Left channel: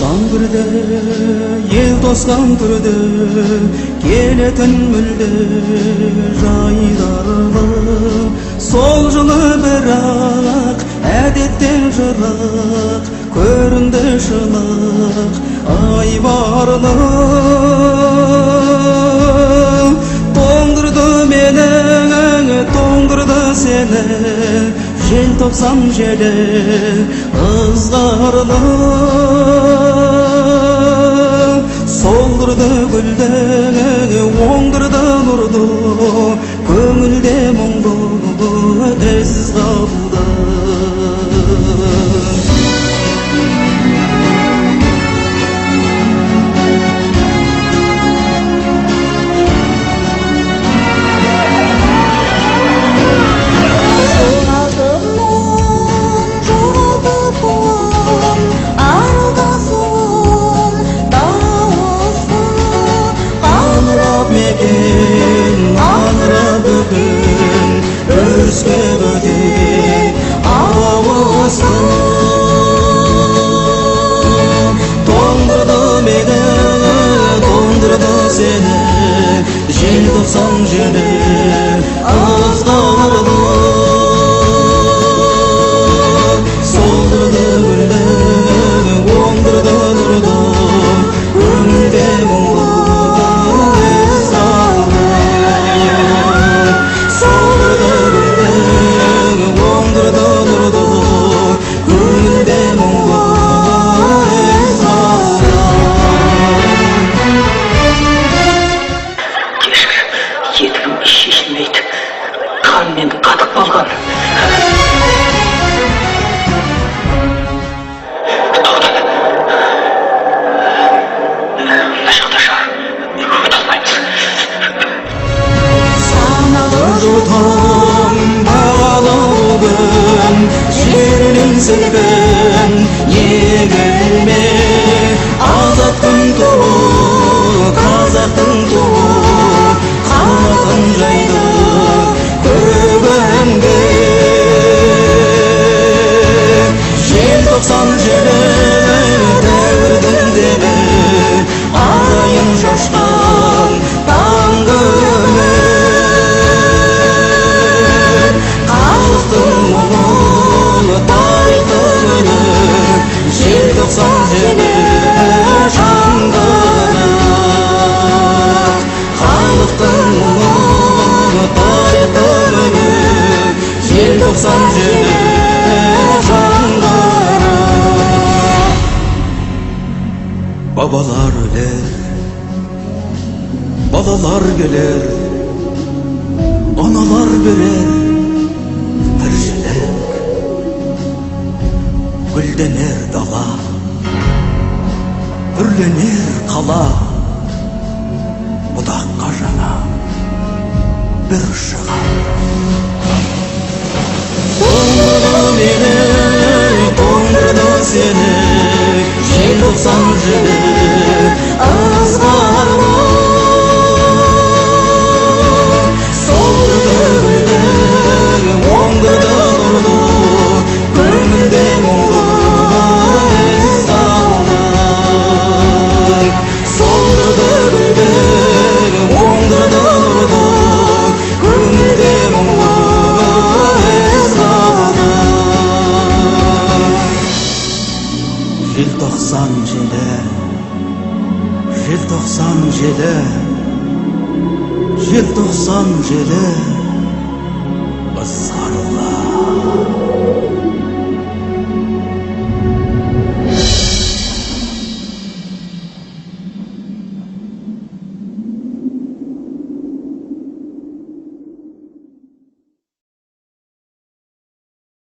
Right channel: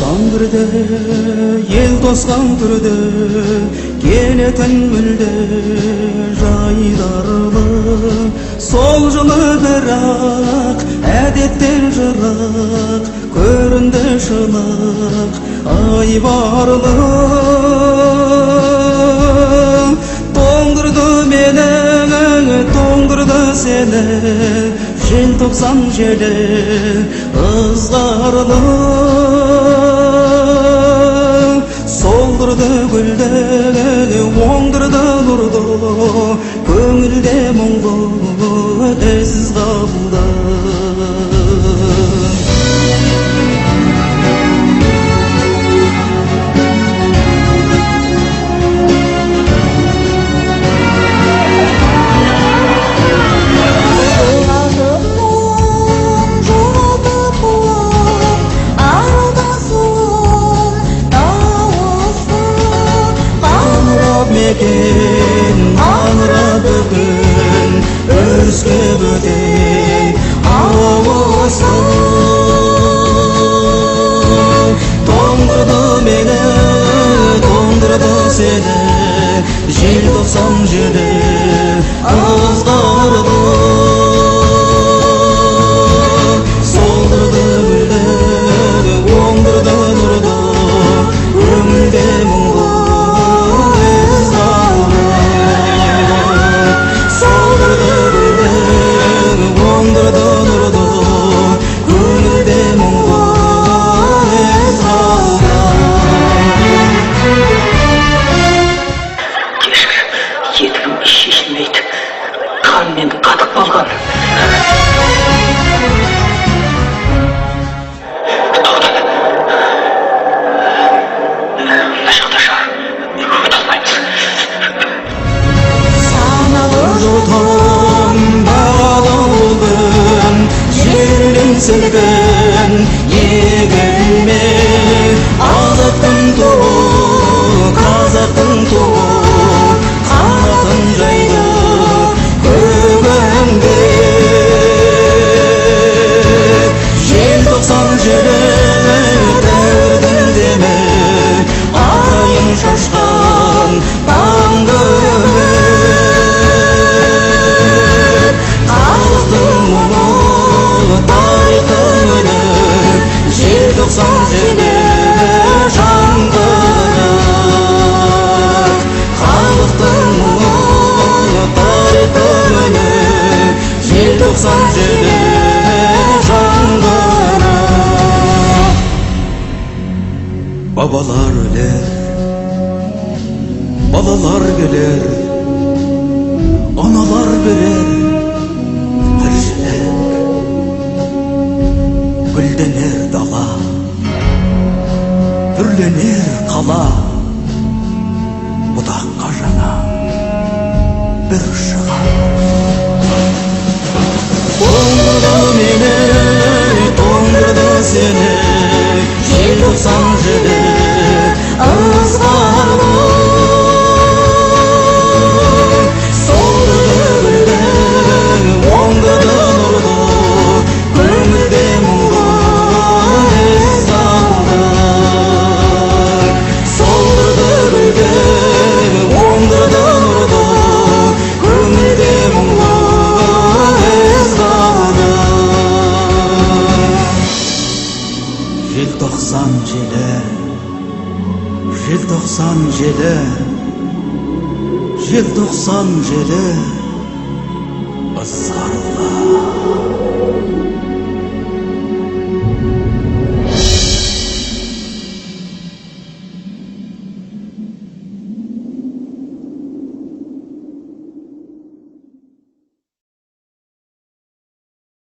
Sangırdı, yel toskan türdü, keleten mülde jaydarlı. Sol жылы bırak, әдеттен жырақ, көрінді шынық, ай барлы. Тоңдырды мені, тоңдырды сені, желтоқсан желі ызғарлы. Солдырды гүлді, оңдырды нұрды, көңілде мұңды із қалды. Мекен аңыра бүгін өріске бөтен ауысты. Тоңдырды мені, тоңдырды сені, желтоқсан желі ызғарлы. Солдырды гүлді, оңдырды нұрды, көңілде мұңды шешілмейді, қанмен қатып қалған. Тоқта, мына жақта шығар, өте алмаймыз. Саналы жұтым бағалы бүгін, жерінен сілкін егілме. Азат күн туы, қазақтың туы, қанатын жайды көгінде. Желтоқсан желі дәуірдің демі, ағайын шашқан таңғы үміт. Халықтың мұңы, тарихтың үні, желтоқсан желі жаңғырық. Халықтың мұңы, тарихтың үні, желтоқсан желі жаңғырық. Бабалар өлер, балалар келер, аналар берер тіршілік. Гүлденер дала, үрленер қала, бұтаққа жаңа бір шығар. Тоңдырды мені, тоңдырды сені, желтоқсан желі ызғарлы. Солдырды гүлді, оңдырды нұрды, көңілде мұңды із қалды. Солдырды гүлді, оңдырды нұрды, көңілде мұңды із қалды. Желтоқсан желі, желтоқсан желі, желтоқсан желі ызғарлы.